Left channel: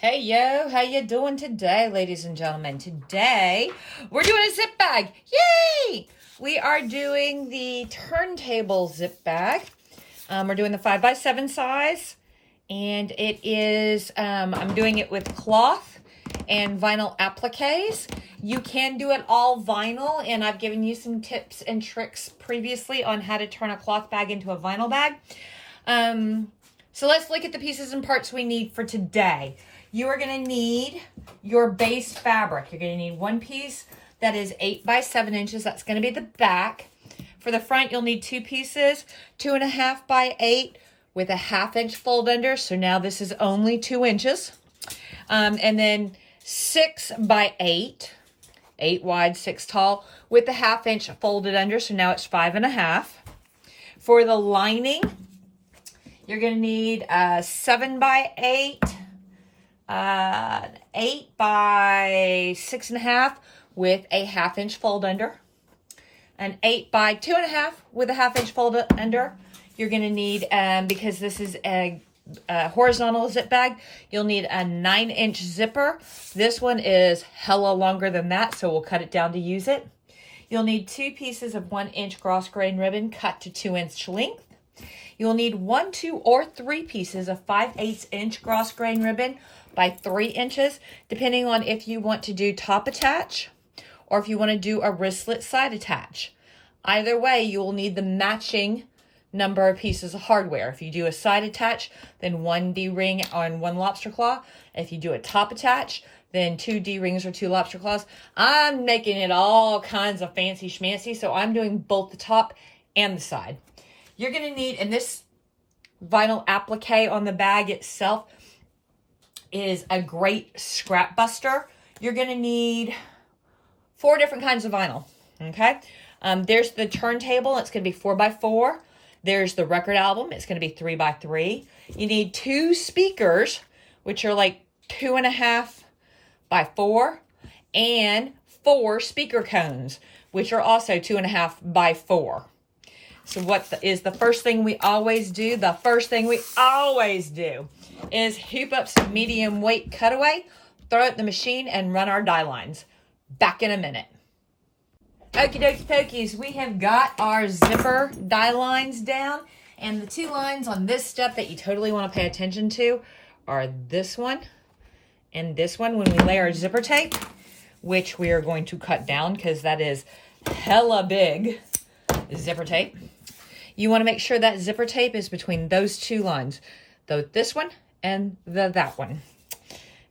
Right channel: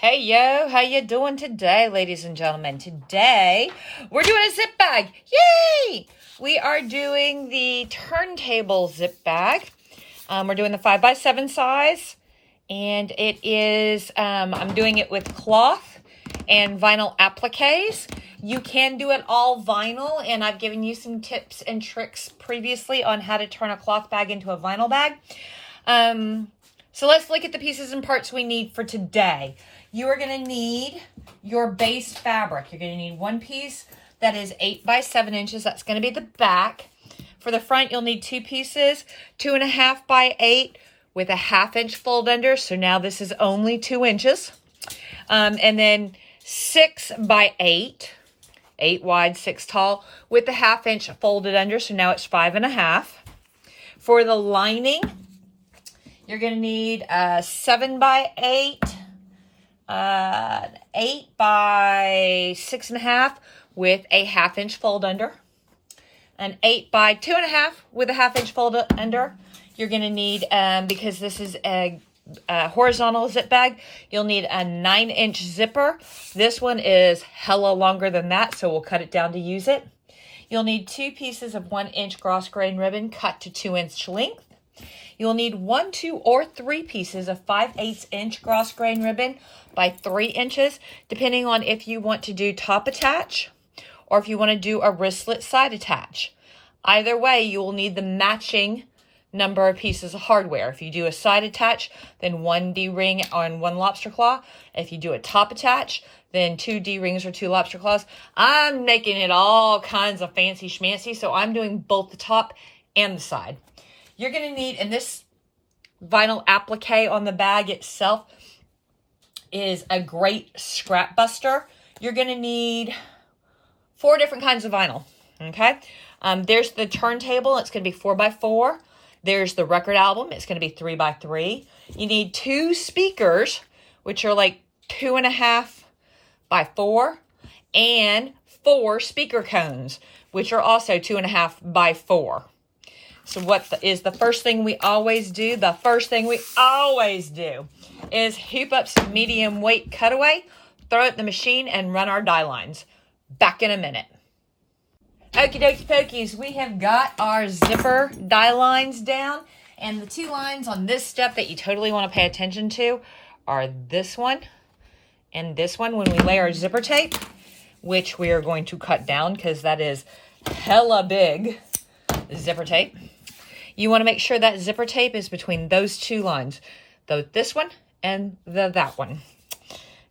Hey yo, how you doing today, ladies and gentlemen? Today, we're doing a zip bag. Yay! We are doing the Turntable Zip Bag. We're doing the 5x7 size, and it is, I'm doing it with cloth and vinyl appliques. You can do it all vinyl, and I've given you some tips and tricks previously on how to turn a cloth bag into a vinyl bag. So let's look at the pieces and parts we need for today. You are going to need your base fabric. You're going to need one piece that is 8 by 7 inches. That's going to be the back. For the front, you'll need two pieces, 2.5 by 8 with a 1/2 inch fold under. So now this is only 2 inches. And then 6 by 8, 8 wide, 6 tall with the 1/2 inch folded under. So now it's 5.5. For the lining, you're going to need a 7 by 8, 8 by 6.5 with a 1/2 inch fold under, an 8 by 2.5 with a 1/2 inch fold under. You're going to need, because this is a horizontal zip bag, you'll need a 9-inch zipper. This one is hella longer than that, so we'll cut it down to use it. You'll need 2 pieces of 1-inch cross grain ribbon cut to 2-inch length. You'll need 1, 2, or 3 pieces of 5/8 inch cross grain ribbon by 3 inches, depending on if you want to do top attach or if you want to do a wristlet side attach. Either way, you will need the matching number of pieces of hardware. If you do a side attach, then 1 D-ring on 1 lobster claw. If you do a top attach, then 2 D-rings or 2 lobster claws. I'm making it all kinds of fancy schmancy, so I'm doing both the top and the side. You're going to need, and this vinyl applique on the bag itself is a great scrap buster. You're going to need 4 different kinds of vinyl, okay? There's the turntable. It's going to be 4x4. There's the record album. It's going to be 3x3. You need 2 speakers, which are like 2.5 by 4, and 4 speaker cones, which are also 2.5 by 4. So what is the first thing we always do? The first thing we always do is hoop up some medium weight cutaway, throw it in the machine, and run our die lines. Back in a minute. Okie dokie pokies, we have got our zipper die lines down, and the 2 lines on this step that you totally want to pay attention to are this one and this one when we lay our zipper tape, which we are going to cut down because that is hella big zipper tape. You want to make sure that zipper tape is between those 2 lines, this one and that one.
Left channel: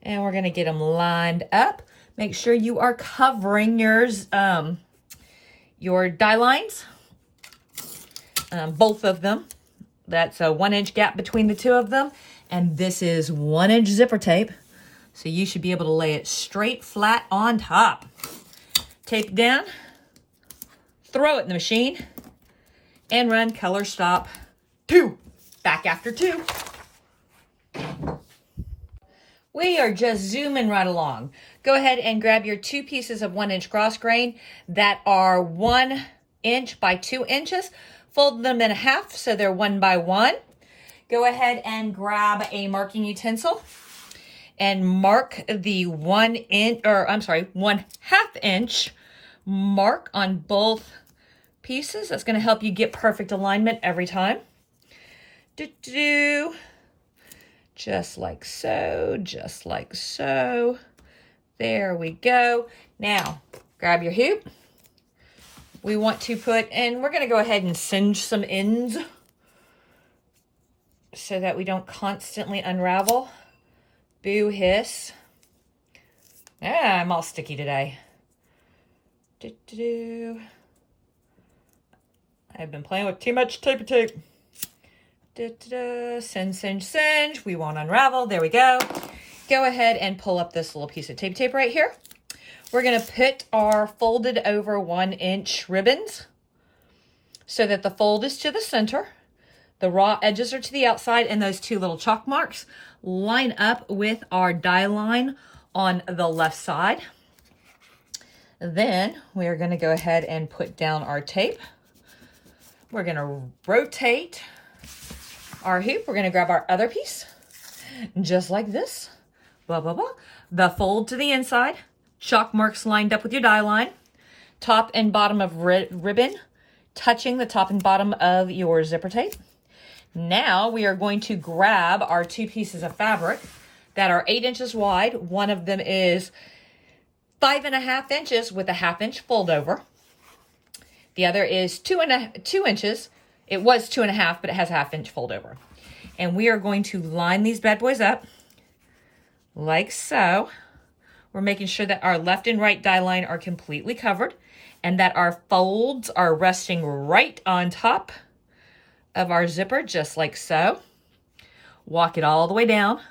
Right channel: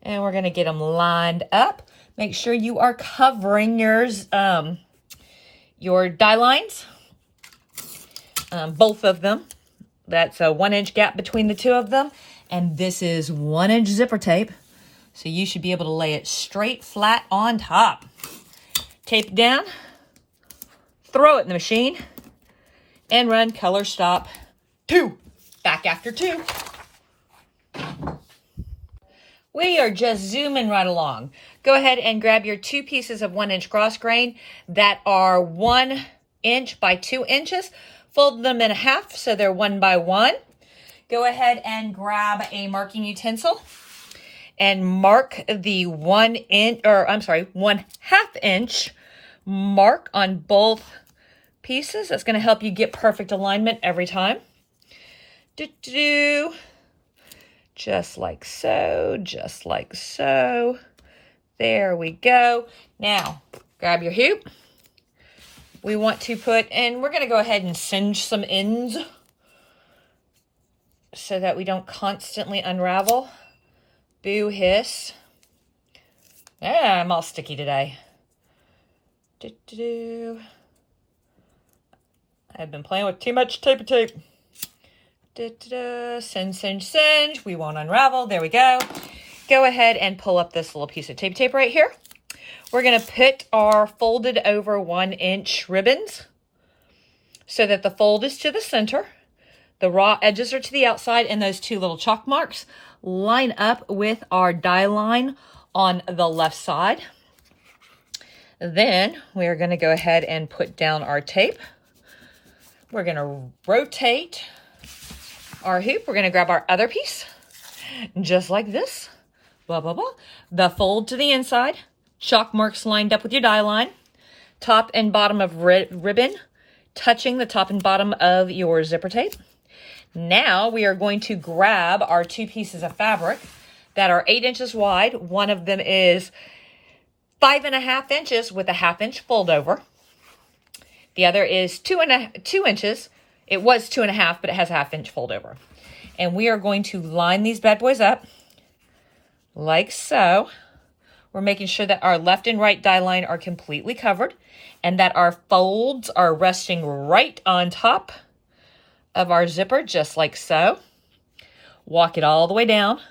And we're going to get them lined up. Make sure you are covering your die lines, both of them. That's a 1-inch gap between the 2 of them. And this is 1-inch zipper tape. So you should be able to lay it straight flat on top. Tape it down, throw it in the machine, and run color stop 2. Back after 2. We are just zooming right along. Go ahead and grab your 2 pieces of 1-inch cross grain that are 1 inch by 2 inches. Fold them in half so they're 1 by 1. Go ahead and grab a marking utensil and mark the 1/2 inch mark on both pieces. That's going to help you get perfect alignment every time. Just like so, just like so. There we go. Now, grab your hoop. We want to put, and we're going to go ahead and singe some ends so that we don't constantly unravel. Boo hiss. Yeah, I'm all sticky today. I've been playing with too much tape. Singe. We won't unravel. There we go. Go ahead and pull up this little piece of tape right here. We're going to put our folded over 1-inch ribbons so that the fold is to the center. The raw edges are to the outside, and those 2 little chalk marks line up with our die line on the left side. Then we're going to go ahead and put down our tape. We're going to rotate our hoop. We're going to grab our other piece, just like this. blah, blah, blah. The fold to the inside, chalk marks lined up with your die line, top and bottom of ribbon, touching the top and bottom of your zipper tape. Now we are going to grab our 2 pieces of fabric that are 8 inches wide. One of them is 5.5 inches with a 1/2 inch fold over. The other is 2 inches. It was 2.5, but it has a 1/2 inch fold over. And we are going to line these bad boys up like so. We're making sure that our left and right die line are completely covered and that our folds are resting right on top of our zipper, just like so. Walk it all the way down.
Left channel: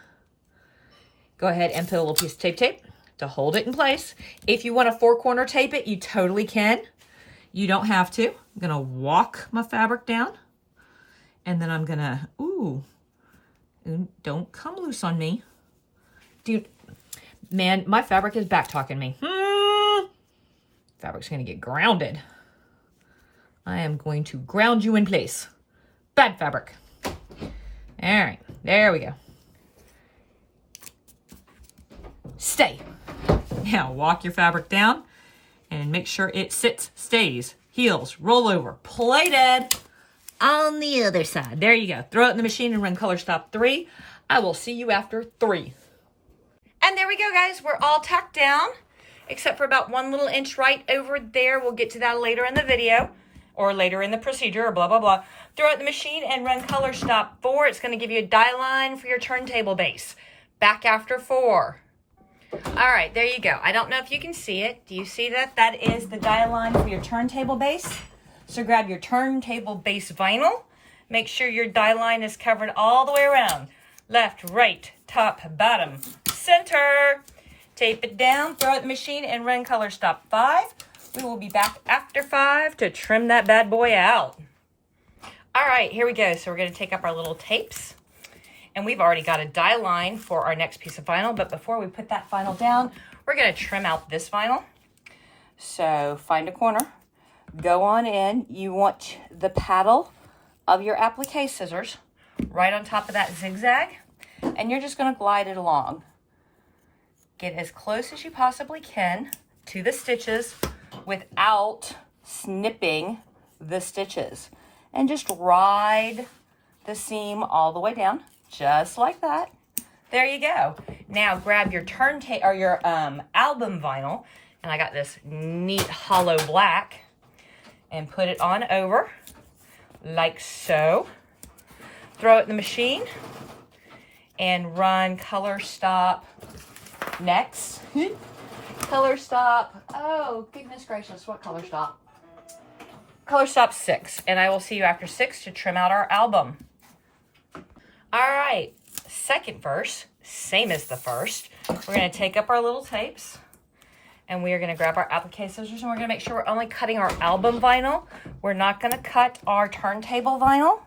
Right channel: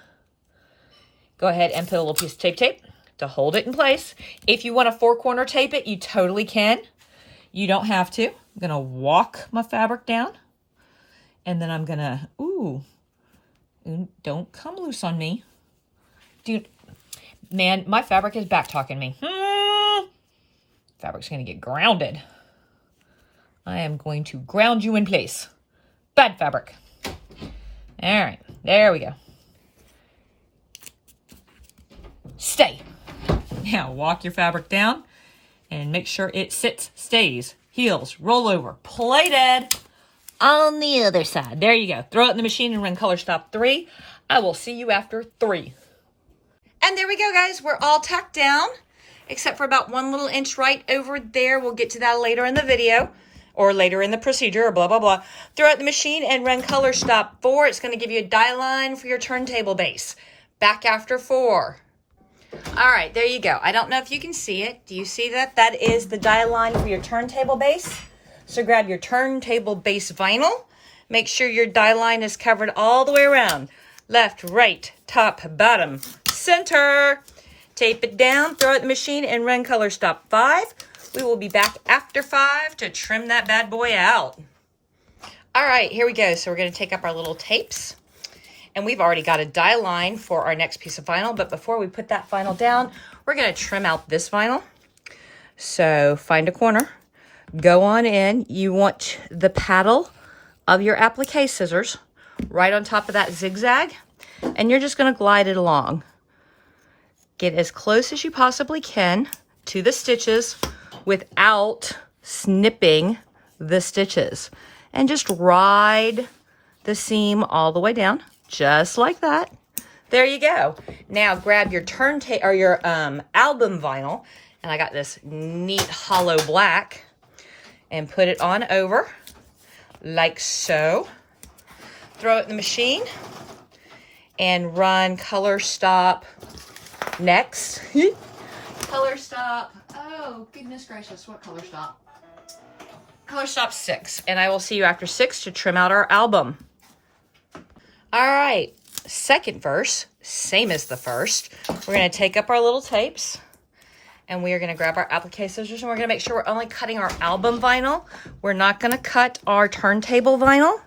Go ahead and put a little piece of tape to hold it in place. If you want to 4-corner tape it, you totally can. You don't have to. I'm going to walk my fabric down. And then I'm going to, ooh, don't come loose on me. Dude, man, my fabric is back talking me. Fabric's going to get grounded. I am going to ground you in place. Bad fabric. All right, there we go. Stay. Now walk your fabric down and make sure it sits, stays, heels, roll over, play dead on the other side. There you go. Throw it in the machine and run color stop 3. I will see you after 3. And there we go, guys. We're all tacked down, except for about 1 little inch right over there. We'll get to that later in the video or later in the procedure or blah, blah, blah. Throw it in the machine and run color stop 4. It's going to give you a die line for your turntable base. Back after 4. All right, there you go. I don't know if you can see it. Do you see that? That is the die line for your turntable base. So grab your turntable base vinyl. Make sure your die line is covered all the way around. Left, right, top, bottom, center. Tape it down, throw it in the machine, and run color stop 5. We will be back after 5 to trim that bad boy out. All right, here we go. So we're going to take up our little tapes. And we've already got a die line for our next piece of vinyl. But before we put that vinyl down, we're going to trim out this vinyl. So find a corner. Go on in. You want the paddle of your applique scissors right on top of that zigzag. And you're just going to glide it along. Get as close as you possibly can to the stitches without snipping the stitches. And just ride the seam all the way down. Just like that. There you go. Now grab your turntable or your album vinyl, and I got this neat hollow black, and put it on over like so. Throw it in the machine and run color stop next. Color stop. Oh, goodness gracious, what color stop? Color stop 6, and I will see you after 6 to trim out our album. All right, second verse, same as the first. We're going to take up our little tapes, and we are going to grab our applique scissors, and we're going to make sure we're only cutting our album vinyl. We're not going to cut our turntable vinyl.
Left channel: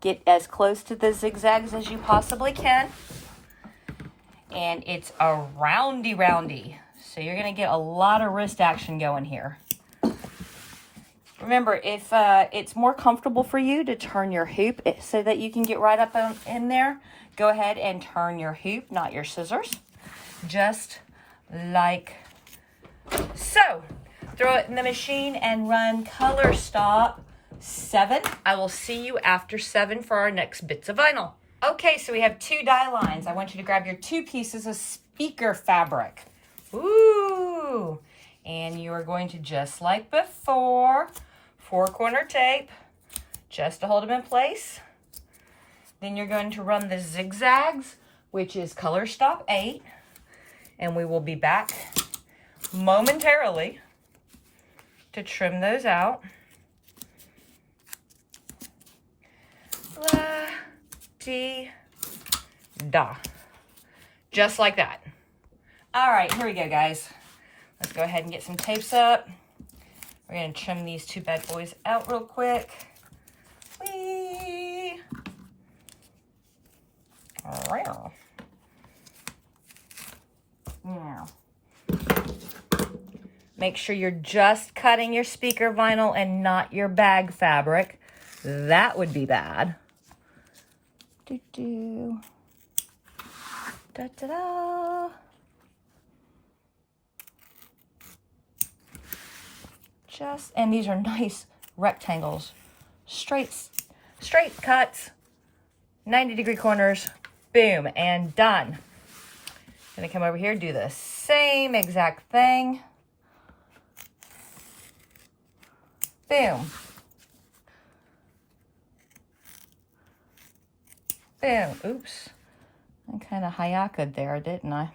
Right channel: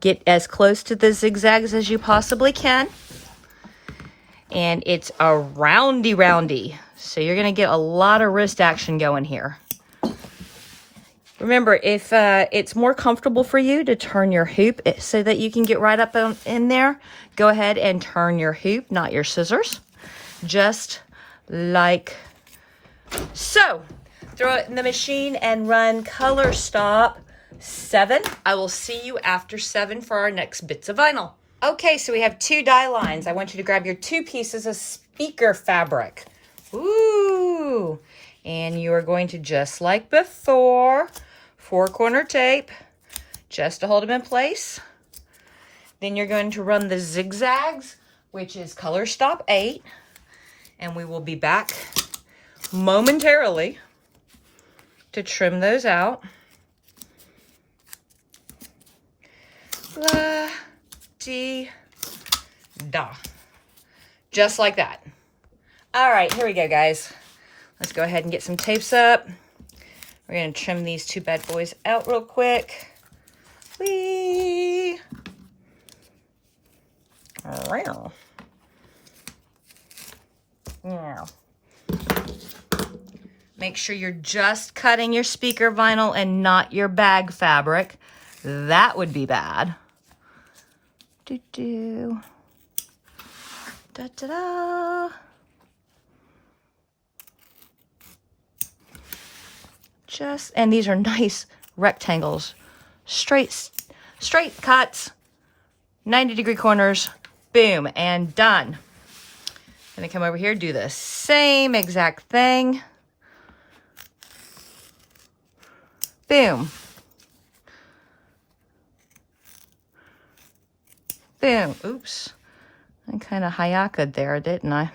Get as close to the zigzags as you possibly can. And it's a roundy, so you're going to get a lot of wrist action going here. Remember, if it's more comfortable for you to turn your hoop so that you can get right up in there, go ahead and turn your hoop, not your scissors. Just like so. Throw it in the machine and run color stop 7. I will see you after 7 for our next bits of vinyl. Okay, so we have 2 die lines. I want you to grab your 2 pieces of speaker fabric. Ooh. And you are going to, just like before, 4-corner tape, just to hold them in place. Then you're going to run the zigzags, which is color stop 8. And we will be back momentarily to trim those out. La-dee-da. Just like that. All right, here we go, guys. Let's go ahead and get some tapes up. We're going to trim these 2 bad boys out real quick. Whee! Wow. Now, make sure you're just cutting your speaker vinyl and not your bag fabric. That would be bad. Da-da-da. And these are nice rectangles. Straight cuts, 90-degree corners, boom, and done. Gonna come over here, do the same exact thing. Boom. Boom. Oops. I kind of hayaka'd there, didn't I?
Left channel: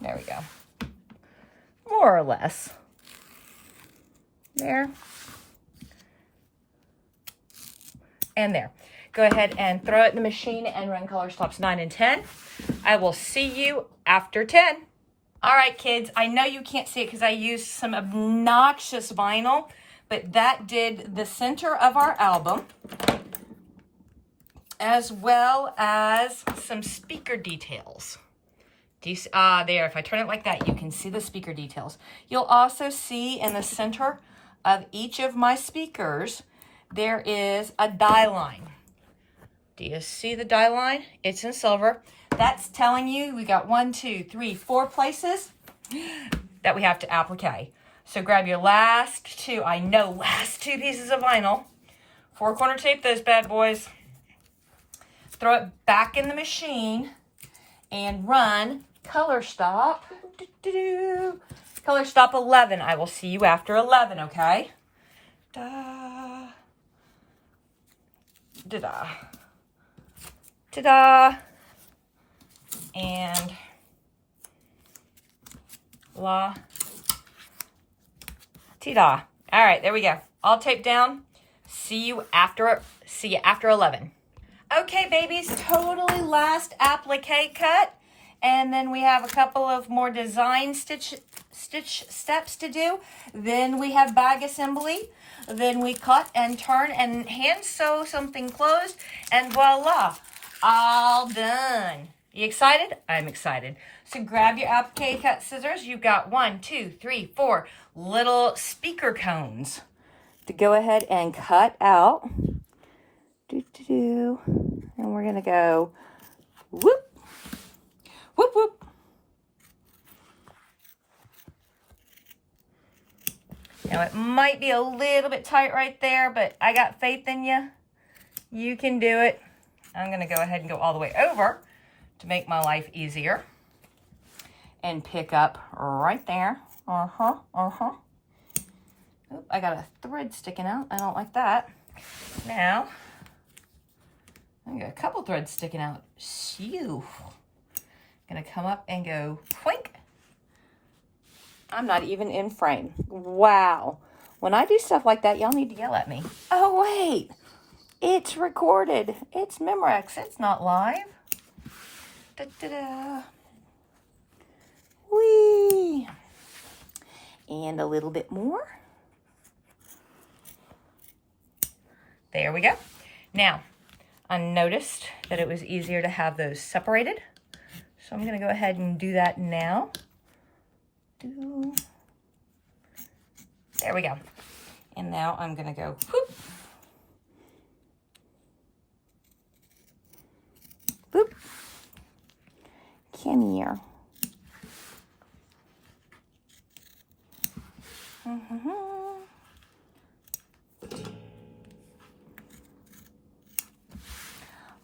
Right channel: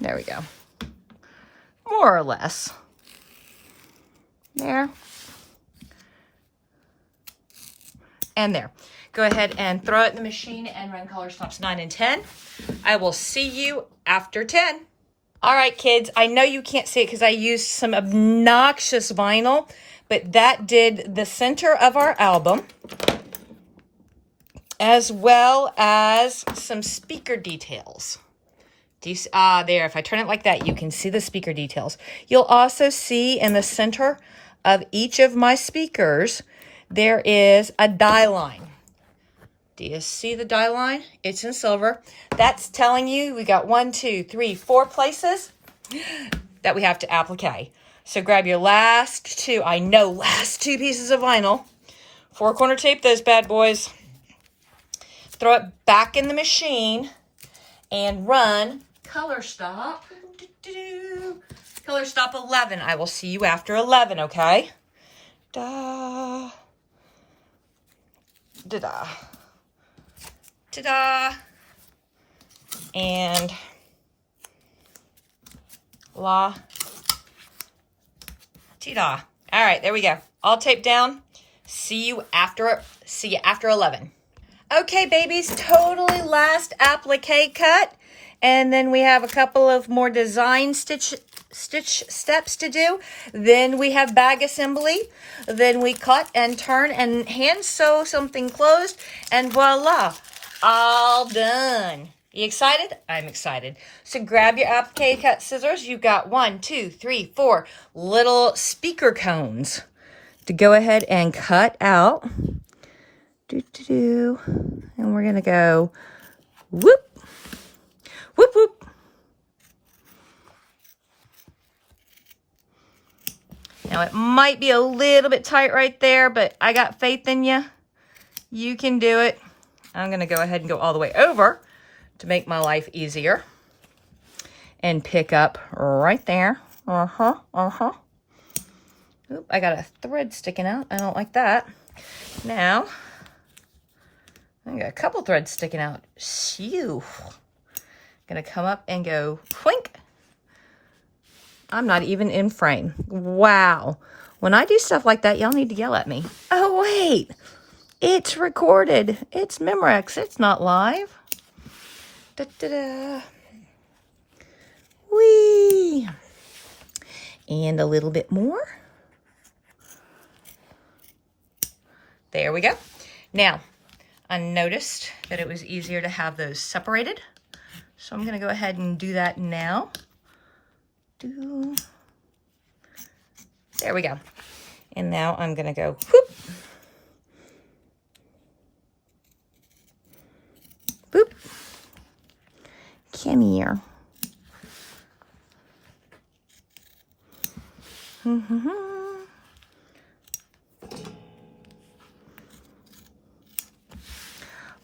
There we go. More or less. There. And there. Go ahead and throw it in the machine and run color stops 9 and 10. I will see you after 10. All right, kids, I know you can't see it because I used some obnoxious vinyl, but that did the center of our album, as well as some speaker details. Do you see, there, if I turn it like that, you can see the speaker details. You'll also see in the center of each of my speakers, there is a die line. Do you see the die line? It's in silver. That's telling you we got 1, 2, 3, 4 places that we have to applique. So grab your last two pieces of vinyl. 4-corner tape those bad boys. Throw it back in the machine and run color stop. Color stop 11. I will see you after 11, okay? Da. Da-da. Ta-da. And la. Ta-da. All right, there we go. All taped down. See you after 11. Okay, babies, totally last applique cut. And then we have a couple of more design stitch steps to do. Then we have bag assembly. Then we cut and turn and hand sew something closed. And voila, all done. You excited? I'm excited. So grab your applique cut scissors. You've got 1, 2, 3, 4 little speaker cones to go ahead and cut out. And we're going to go whoop, whoop, whoop. Now it might be a little bit tight right there, but I got faith in you. You can do it. I'm going to go ahead and go all the way over to make my life easier and pick up right there. Oop, I got a thread sticking out. I don't like that. Now, I got a couple threads sticking out. Shoo. Gonna come up and go clink. I'm not even in frame. Wow. When I do stuff like that, y'all need to yell at me. Oh, wait. It's recorded. It's Memorex. It's not live. Da-da-da. Whee! And a little bit more. There we go. Now, I noticed that it was easier to have those separated. So I'm going to go ahead and do that now. There we go. And now I'm going to go whoop. Boop. Come here.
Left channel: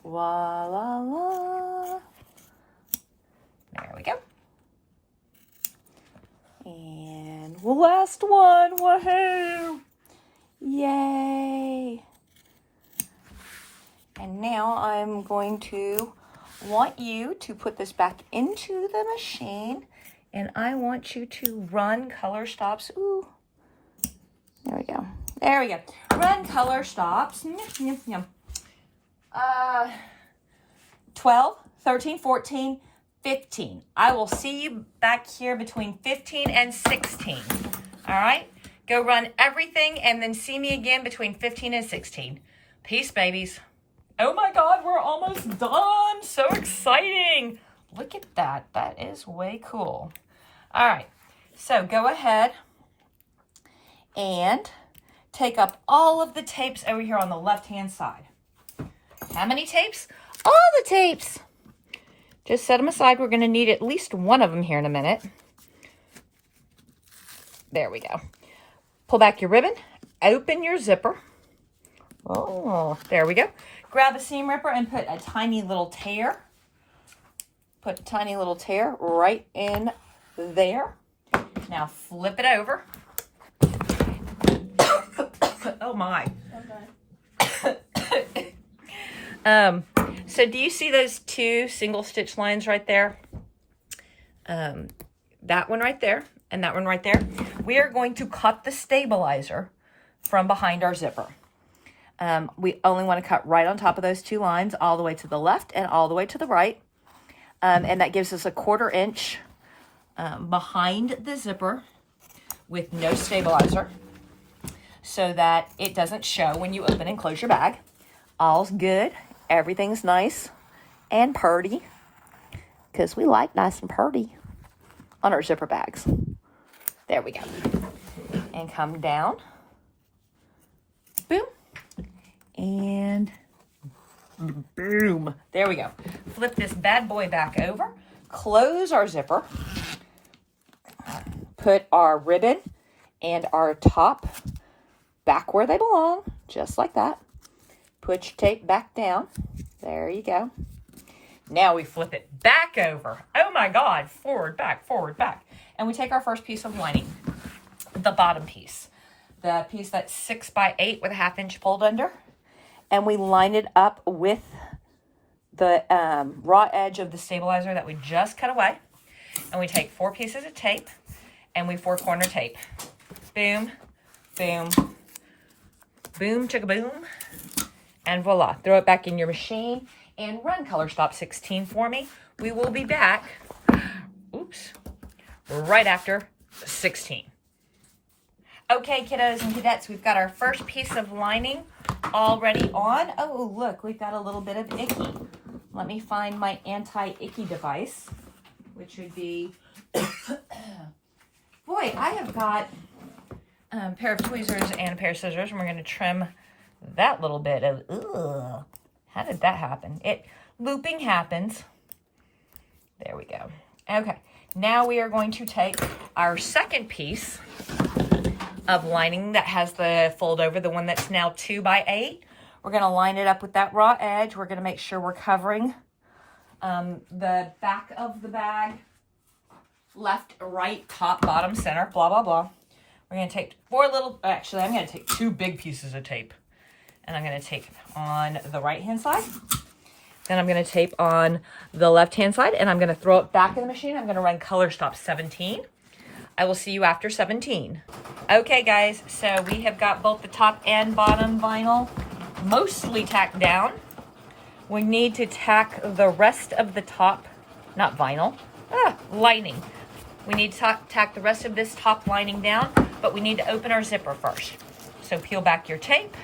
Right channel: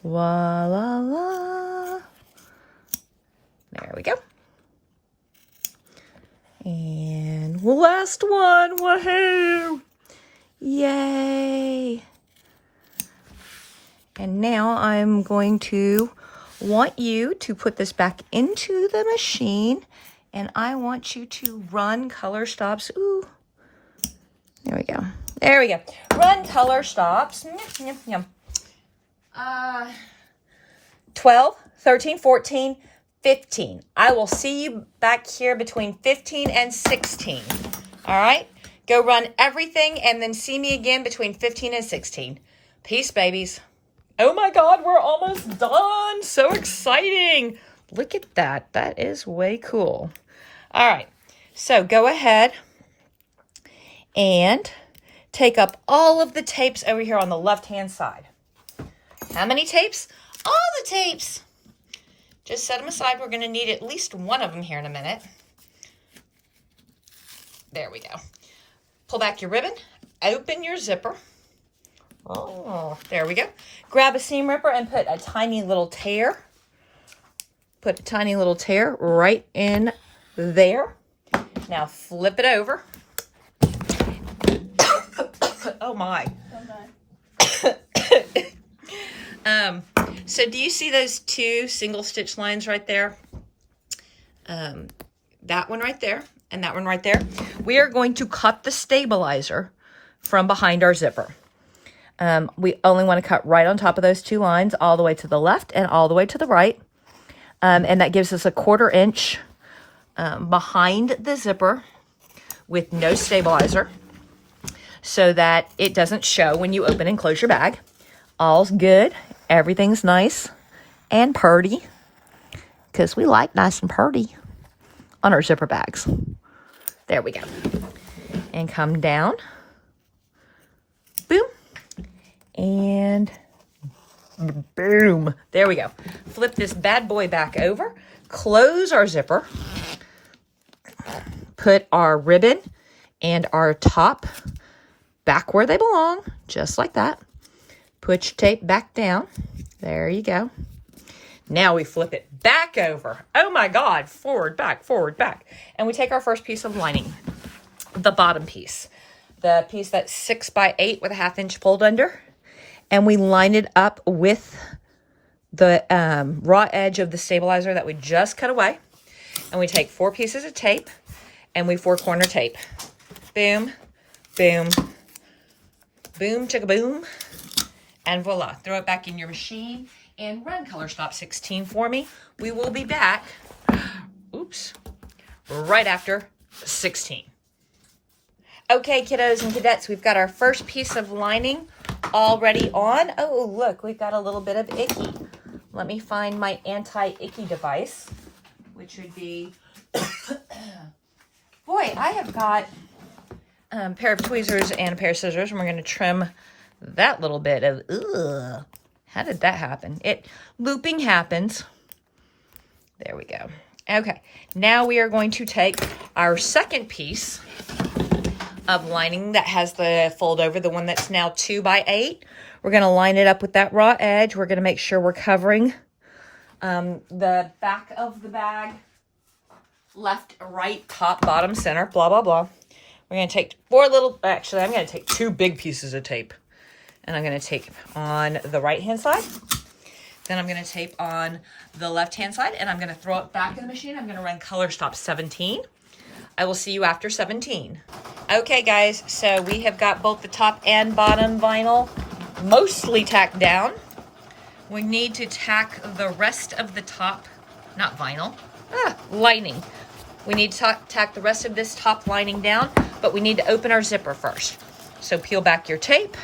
Voila. There we go. And last one. Woohoo! Yay! And now I'm going to want you to put this back into the machine, and I want you to run color stops. Ooh. There we go. There we go. Run color stops. 12, 13, 14, 15. I will see you back here between 15 and 16. All right? Go run everything and then see me again between 15 and 16. Peace, babies. Oh my God, we're almost done. So exciting. Look at that. That is way cool. All right. So go ahead and take up all of the tapes over here on the left-hand side. How many tapes? All the tapes. Just set them aside. We're going to need at least one of them here in a minute. There we go. Pull back your ribbon. Open your zipper. Oh, there we go. Grab a seam ripper and put a tiny little tear. Put a tiny little tear right in there. Now flip it over. Oh my. Okay. So do you see those two single stitch lines right there? That one right there and that one right there. We are going to cut the stabilizer from behind our zipper. We only want to cut right on top of those two lines, all the way to the left and all the way to the right. And that gives us a 1/4 inch behind the zipper with no stabilizer, so that it doesn't show when you open and close your bag. All's good. Everything's nice and purty, because we like nice and purty on our zipper bags. There we go. And come down. Boom. And boom. There we go. Flip this bad boy back over. Close our zipper. Put our ribbon and our top back where they belong, just like that. Put your tape back down. There you go. Now we flip it back over. Oh my God, forward, back, And we take our first piece of lining, the bottom piece. The piece that's 6 by 8 with a 1/2 inch fold under. And we line it up with the raw edge of the stabilizer that we just cut away. And we take 4 pieces of tape and we 4-corner tape. Boom, boom, boom, chicka boom. And voila, throw it back in your machine and run color stop 16 for me. We will be back, oops, right after 16. Okay, kiddos and cadettes, we've got our first piece of lining already on. Oh, look, we've got a little bit of icky. Let me find my anti-icky device, which would be, boy, I have got a pair of tweezers and a pair of scissors, and we're going to trim that little bit of, ugh, how did that happen? Looping happens. There we go. Okay, now we are going to take our second piece of lining that has the fold over, the one that's now 2 by 8. We're going to line it up with that raw edge. We're going to make sure we're covering the back of the bag, left, right, top, bottom, center, blah, blah, blah. We're going to take 4 little, actually, I'm going to take 2 big pieces of tape. And I'm going to tape on the right-hand side. Then I'm going to tape on the left-hand side. And I'm going to throw it back in the machine. I'm going to run color stop 17. I will see you after 17. Okay, guys. So we have got both the top and bottom vinyl mostly tacked down. We need to tack the rest of the top, not vinyl, lining. We need to tack the rest of this top lining down, but we need to open our zipper first. So peel back your tape.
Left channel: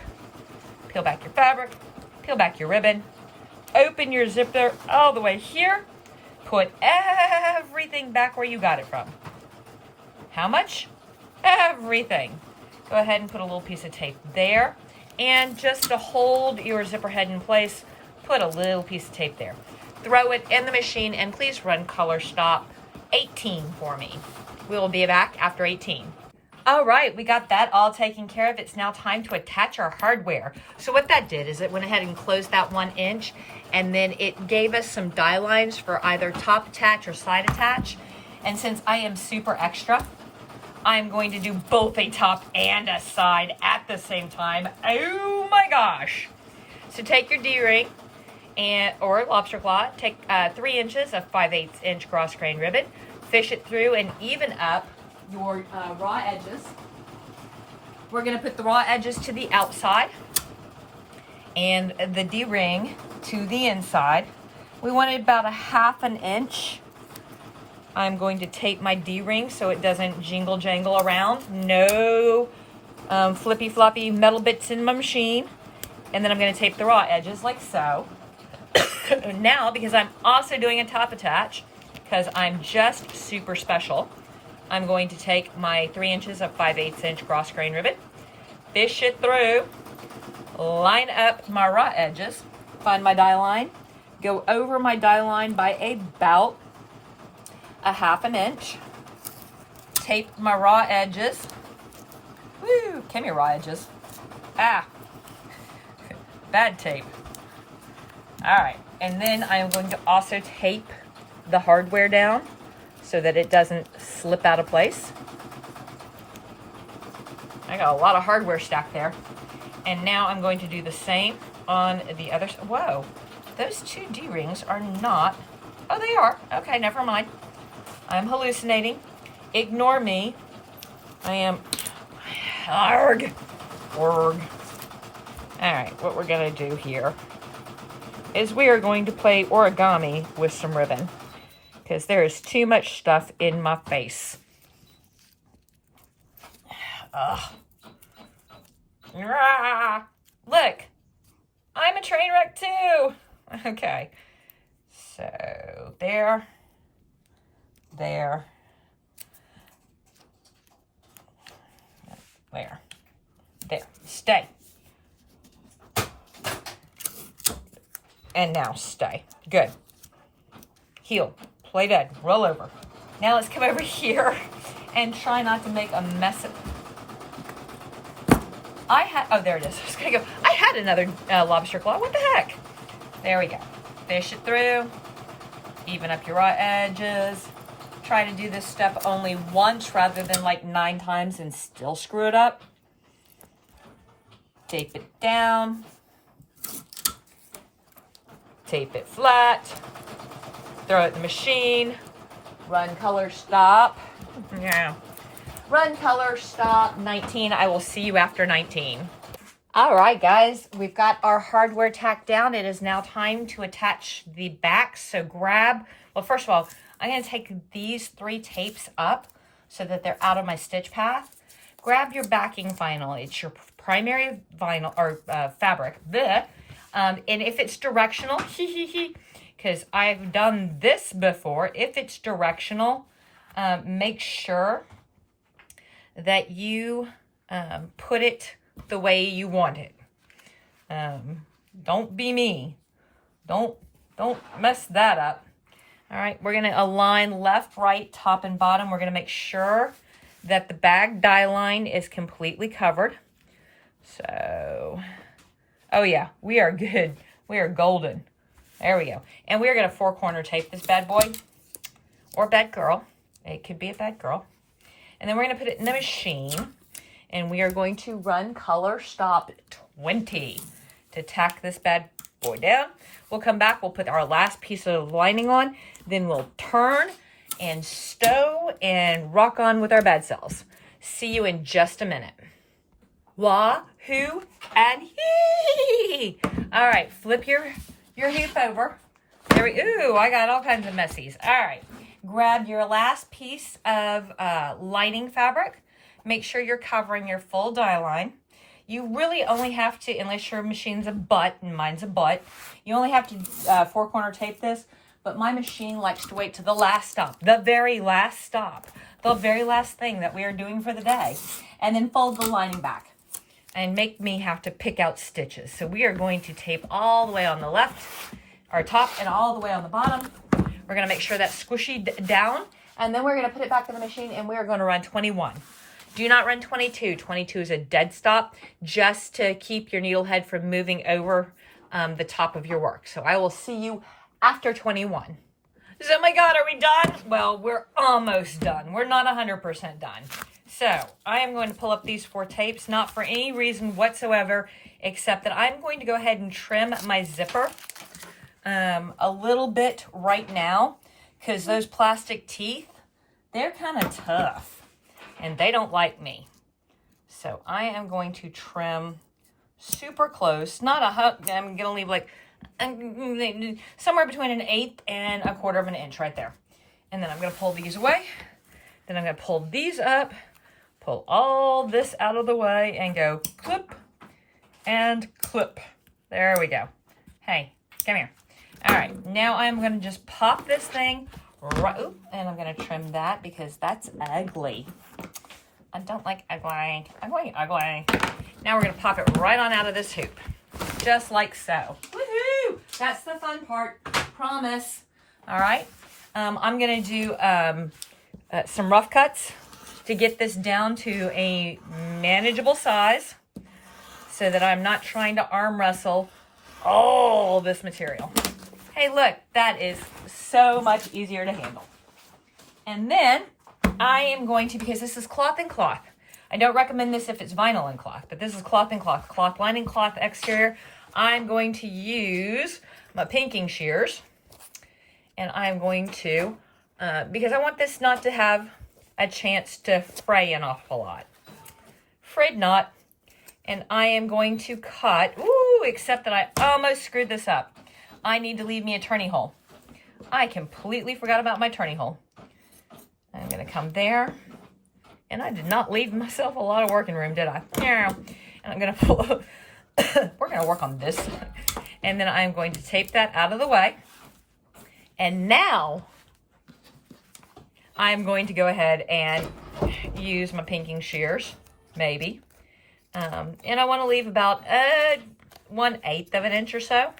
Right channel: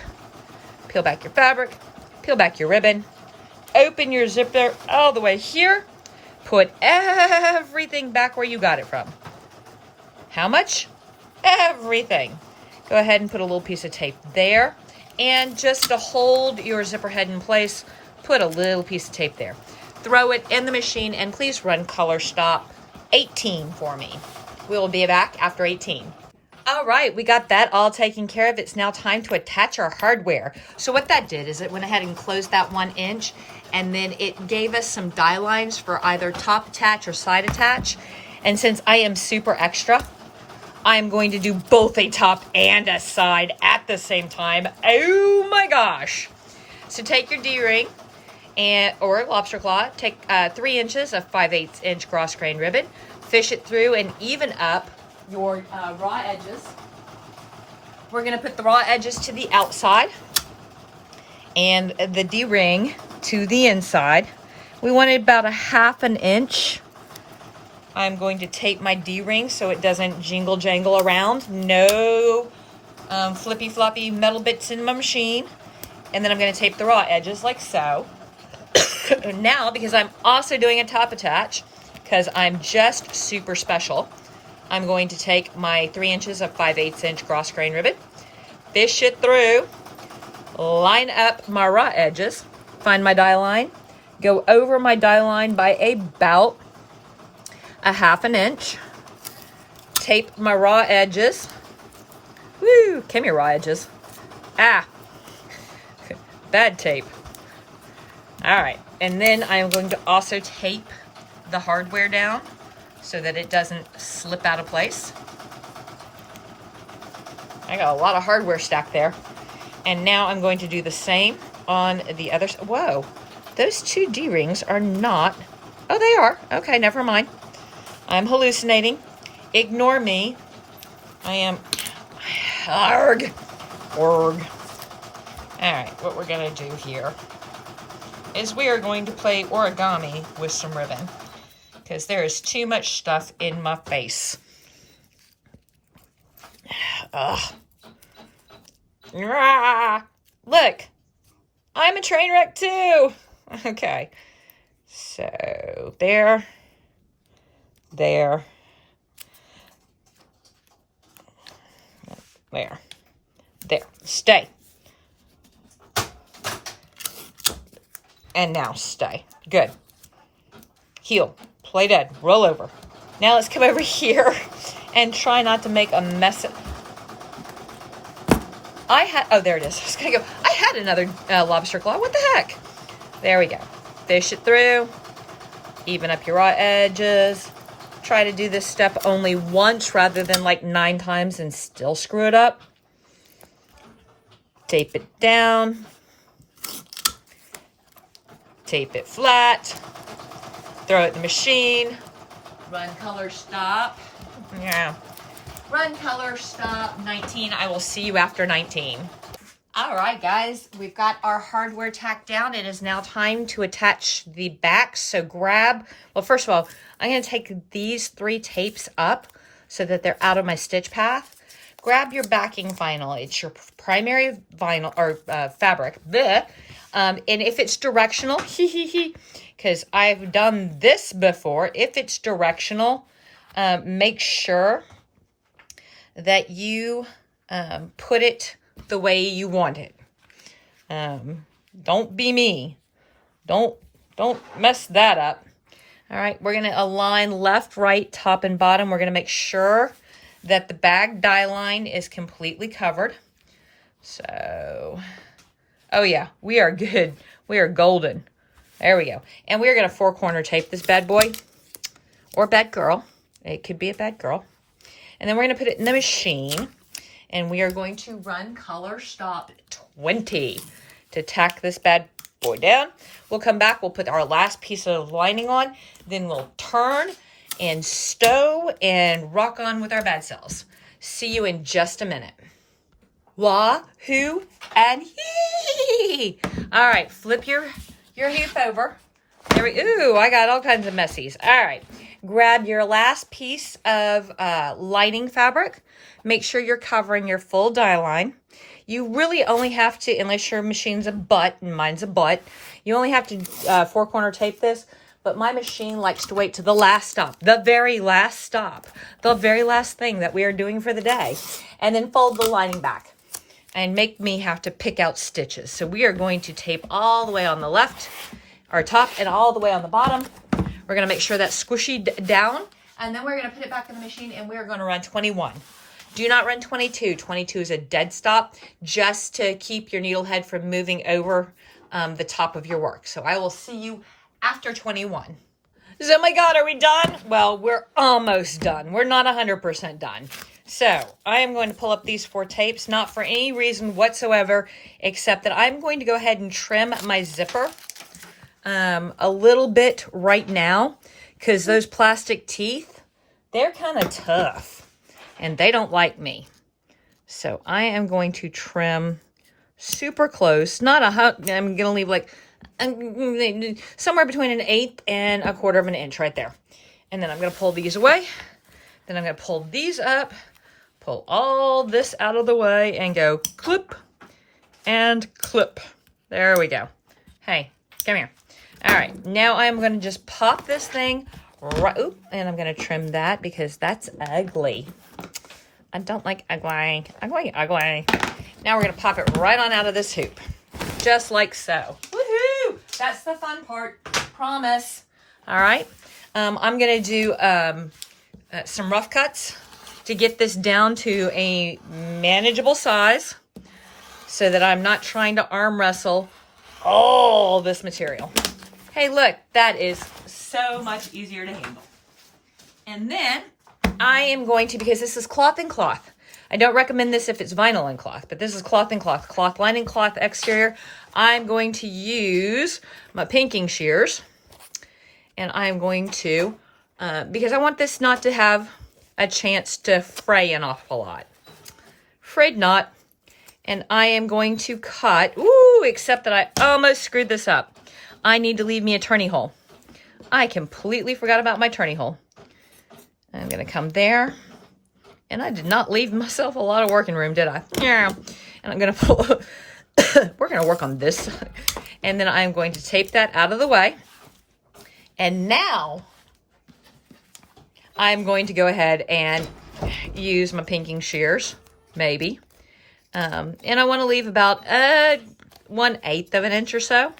Peel back your fabric, peel back your ribbon, open your zipper all the way here, put everything back where you got it from. How much? Everything. Go ahead and put a little piece of tape there, and just to hold your zipper head in place, put a little piece of tape there. Throw it in the machine, and please run color stop 18 for me. We will be back after 18. All right, we got that all taken care of. It's now time to attach our hardware. So what that did is it went ahead and closed that 1 inch, and then it gave us some die lines for either top attach or side attach. And since I am super extra, I'm going to do both a top and a side at the same time. Oh my gosh. So take your D-ring or lobster claw, take 3 inches of 5/8 inch cross grain ribbon, fish it through and even up your raw edges. We're going to put the raw edges to the outside and the D-ring to the inside. We wanted about a 1/2 inch. I'm going to tape my D-ring so it doesn't jingle jangle around. No flippy floppy metal bits in my machine. And then I'm going to tape the raw edges like so. Now, because I'm also doing a top attach, because I'm just super special, I'm going to take my 3 inches of 5/8 inch cross grain ribbon, fish it through, line up my raw edges, find my die line, go over my die line by about a 1/2 inch, tape my raw edges. Woo, come here, raw edges. Ah, bad tape. All right, and then I am going to also tape the hardware down so that it doesn't slip out of place. I got a lot of hardware stacked there. And now I'm going to do the same on the other side. Whoa, those two D-rings are not, oh, they are. Okay, never mind. I'm hallucinating. Ignore me. I am, arg. All right, what we're gonna do here is we are going to play origami with some ribbon because there is too much stuff in my face. Ugh. Look, I'm a train wreck too. Okay, so there, stay. And now stay. Good. Heel, play dead, roll over. Now let's come over here and try not to make a mess of... oh, there it is. I was gonna go, I had another lobster claw. What the heck? There we go. Fish it through. Even up your raw edges. Try to do this step only once rather than like 9 times and still screw it up. Tape it down. Tape it flat. Throw it in the machine. Run, color, stop. Yeah. Run, color, stop, 19. I will see you after 19. All right, guys, we've got our hardware tacked down. It is now time to attach the back. So grab, well, first of all, I'm going to take these 3 tapes up so that they're out of my stitch path. Grab your backing vinyl. It's your primary vinyl or fabric. Bleh. And if it's directional, because I've done this before, if it's directional, make sure that you put it the way you want it. Don't be me. Don't mess that up. All right, we're gonna align left, right, top, and bottom. We're gonna make sure that the bag die line is completely covered. So, oh yeah, we are good. We are golden. There we go. And we are gonna 4-corner tape this bad boy, or bad girl. It could be a bad girl. And then we're going to put it in the machine. And we are going to run color stop 20 to tack this bad boy down. We'll come back. We'll put our last piece of lining on. Then we'll turn and stow and rock on with our bad cells. See you in just a minute. Wah, hoo, and hee. All right. Flip your hoop over. There we, ooh, I got all kinds of messies. All right. Grab your last piece of lining fabric. Make sure you're covering your full die line. You really only have to, unless your machine's a butt, and mine's a butt, you only have to 4-corner tape this, but my machine likes to wait to the last stop, the very last stop, the very last thing that we are doing for the day, and then fold the lining back and make me have to pick out stitches. So we are going to tape all the way on the left, or top, and all the way on the bottom. We're going to make sure that's squishy down, and then we're going to put it back in the machine, and we're going to run 21. Do not run 22. 22 is a dead stop, just to keep your needle head from moving over the top of your work. So I will see you after 21. So, oh my God, are we done? Well, we're almost done. We're not 100% done. So I am going to pull up these 4 tapes, not for any reason whatsoever, except that I'm going to go ahead and trim my zipper a little bit right now, because those plastic teeth, they're kind of tough and they don't like me. So I am going to trim super close, not a hug. I'm going to leave like somewhere between 1/8 and 1/4 of an inch right there. And then I'm going to pull these away. Then I'm going to pull these up, pull all this out of the way, and go clip and clip. There we go. Hey, come here. All right, now I'm going to just pop this thing right, and I'm going to trim that because that's ugly. I don't like ugly. Now we're going to pop it right on out of this hoop. Just like so. Woohoo! That's the fun part. Promise. All right. I'm going to do some rough cuts to get this down to a manageable size so that I'm not trying to arm wrestle all this material. Hey, look, that is so much easier to handle. And then I am going to, because this is cloth and cloth, I don't recommend this if it's vinyl and cloth, but this is cloth and cloth, cloth lining, cloth exterior. I'm going to use my pinking shears, and I'm going to, because I want this not to have a chance to fray an awful lot. Afraid not. And I am going to cut, except that I almost screwed this up. I need to leave me a turning hole. I completely forgot about my turning hole. I'm going to come there. And I did not leave myself a lot of working room, did I? Yeah. And I'm going to pull, we're going to work on this. And then I'm going to tape that out of the way. And now I'm going to go ahead and use my pinking shears, maybe. And I want to leave about 1/8 of an inch or so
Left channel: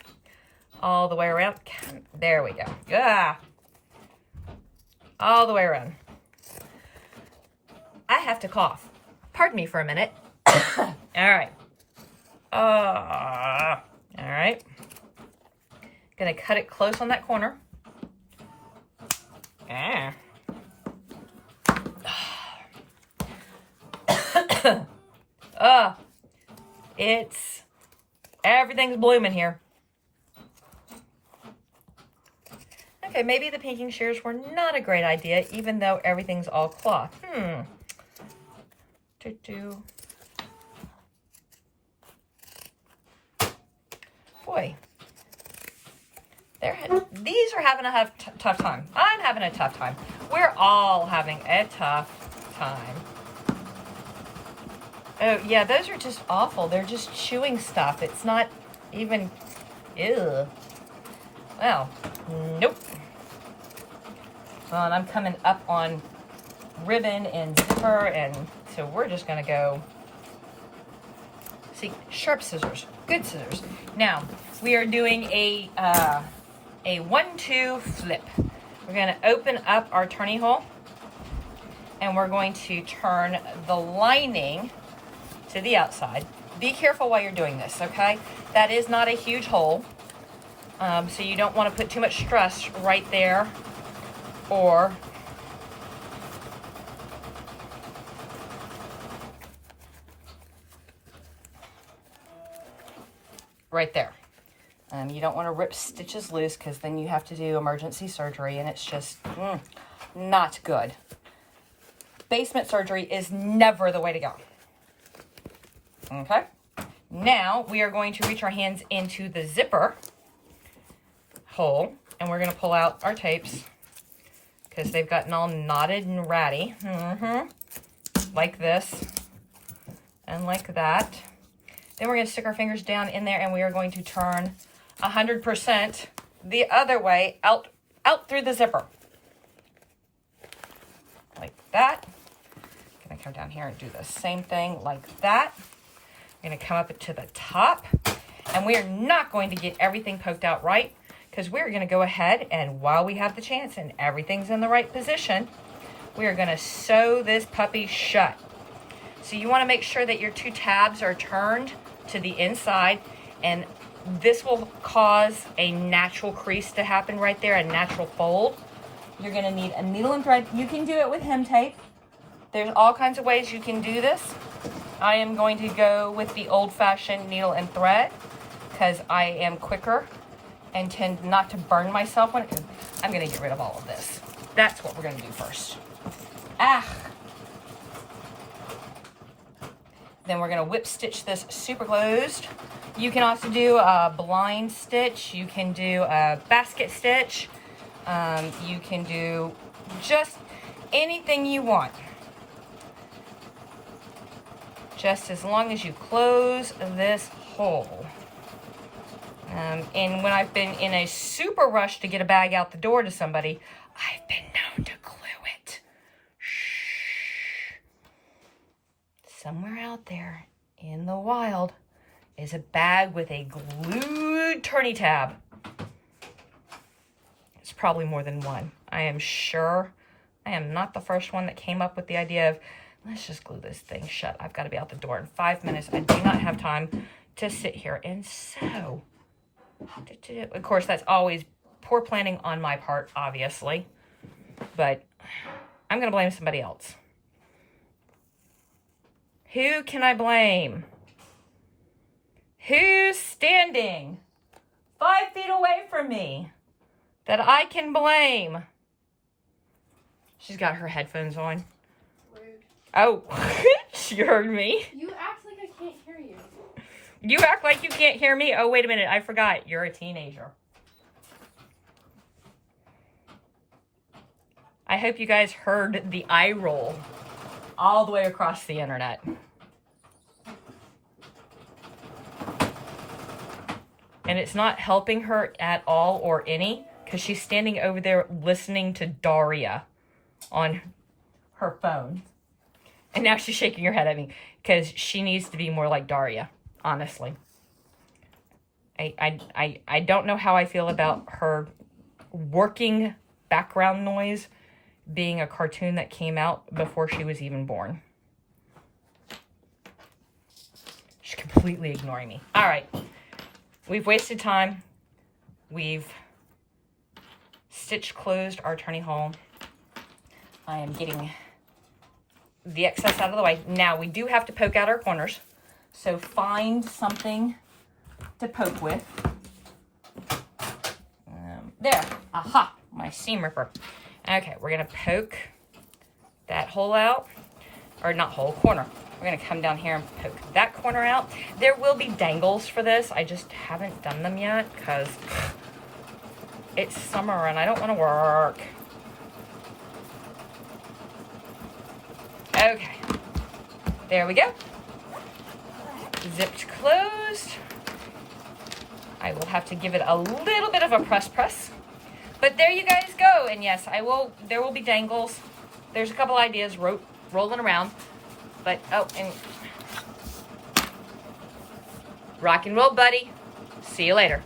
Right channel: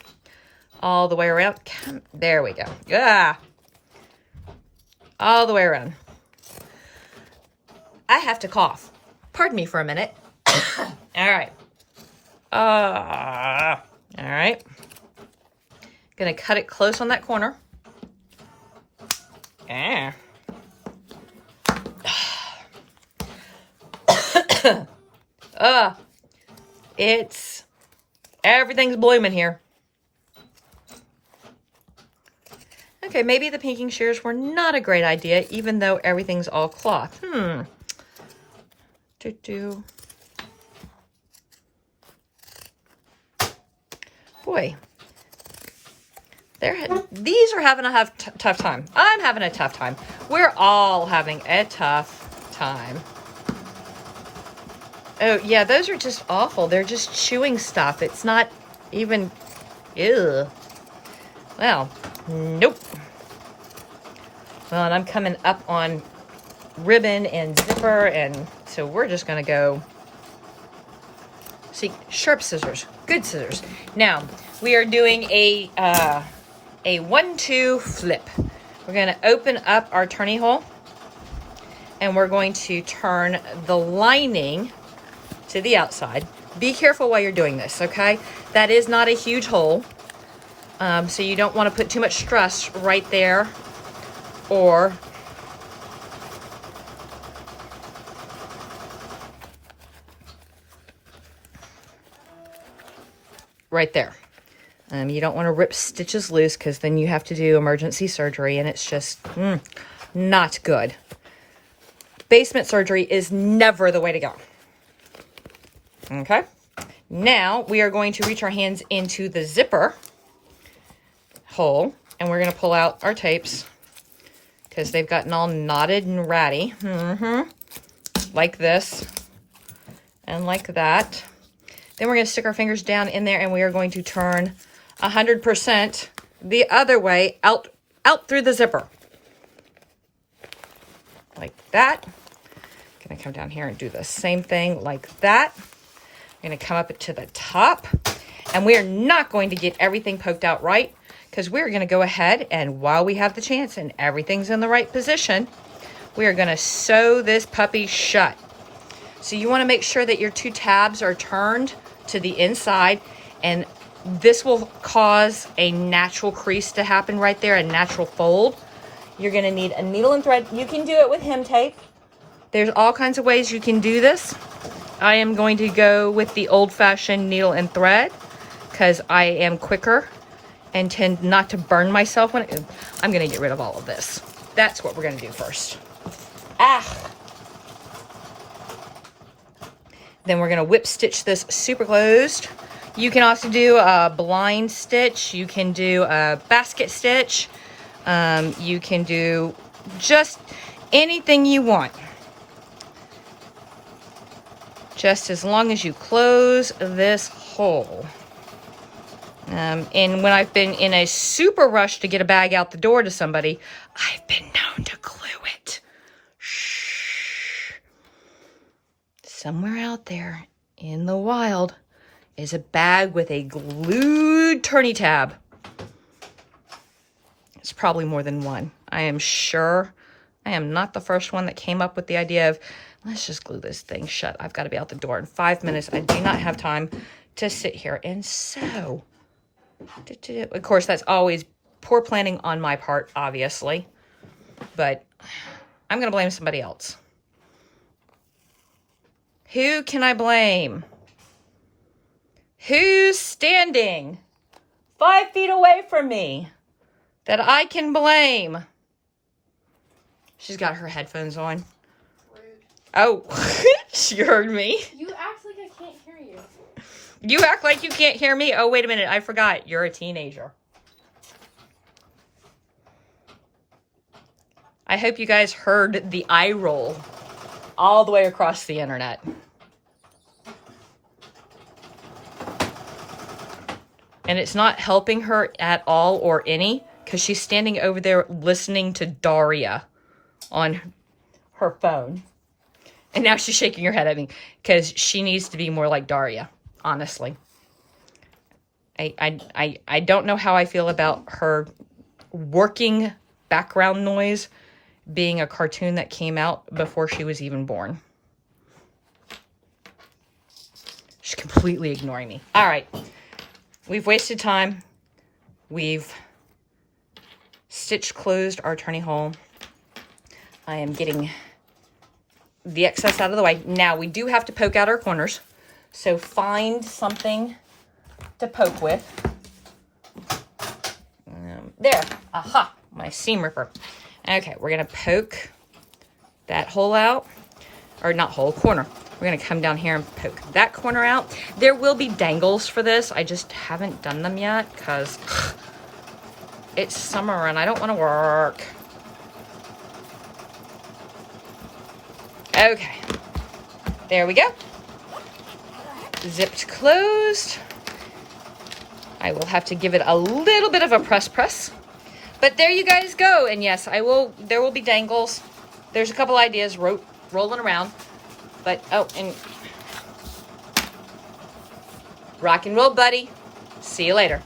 all the way around. There we go. All the way around. I have to cough. Pardon me for a minute. All right. All right. Gonna cut it close on that corner. Everything's blooming here. Okay, maybe the pinking shears were not a great idea, even though everything's all cloth. Boy, these are having a tough time. I'm having a tough time. We're all having a tough time. Oh, yeah, those are just awful. They're just chewing stuff. It's not even, ew. Well, nope. Well, and I'm coming up on ribbon and zipper, and so we're just going to go, see, sharp scissors, good scissors. Now, we are doing a 1-2 flip. We're going to open up our turning hole, and we're going to turn the lining to the outside. Be careful while you're doing this, okay? That is not a huge hole, so you don't want to put too much stress right there, or right there. You don't want to rip stitches loose, because then you have to do emergency surgery, and it's just not good. Basement surgery is never the way to go. Okay, now we are going to reach our hands into the zipper hole, and we're going to pull out our tapes because they've gotten all knotted and ratty. Like this and like that. Then we're going to stick our fingers down in there, and we are going to turn 100% the other way out through the zipper. Like that. I'm going to come down here and do the same thing like that. I'm going to come up to the top, and we are not going to get everything poked out right, because we're going to go ahead, and while we have the chance and everything's in the right position, we are going to sew this puppy shut. So you want to make sure that your two tabs are turned to the inside, and this will cause a natural crease to happen right there, a natural fold. You're going to need a needle and thread. You can do it with hem tape. There's all kinds of ways you can do this. I am going to go with the old-fashioned needle and thread because I am quicker and tend not to burn myself when I'm going to get rid of all of this. That's what we're going to do first. Then we're going to whip stitch this super closed. You can also do a blind stitch. You can do a basket stitch. You can do just anything you want. Just as long as you close this hole. And when I've been in a super rush to get a bag out the door to somebody, I've been known to glue it. Shh. Somewhere out there in the wild is a bag with a glued turny tab. It's probably more than one. I am sure I am not the first one that came up with the idea of, let's just glue this thing shut. I've got to be out the door in 5 minutes. I do not have time to sit here and sew. Of course, that's always poor planning on my part, obviously. But I'm going to blame somebody else. Who can I blame? Who's standing 5 feet away from me that I can blame? She's got her headphones on. Rude. Oh, she heard me. You act like I can't hear you. You act like you can't hear me? Oh, wait a minute. I forgot. You're a teenager. I hope you guys heard the eye roll all the way across the internet. And it's not helping her at all or any, because she's standing over there listening to Daria on her phone. And now she's shaking her head at me because she needs to be more like Daria, honestly. I don't know how I feel about her working background noise being a cartoon that came out before she was even born. She's completely ignoring me. All right. We've wasted time. We've stitched closed our turny hole. I am getting the excess out of the way. Now, we do have to poke out our corners. So find something to poke with. There. Aha. My seam ripper. Okay, we're going to poke that hole out. Or not hole, corner. We're going to come down here and poke that corner out. There will be dangles for this. I just haven't done them yet because it's summer and I don't want to work. Okay. There we go. Zipped closed. I will have to give it a little bit of a press. But there you guys go. And yes, there will be dangles. There's a couple ideas rolling around. But, oh, and rock and roll, buddy. See you later.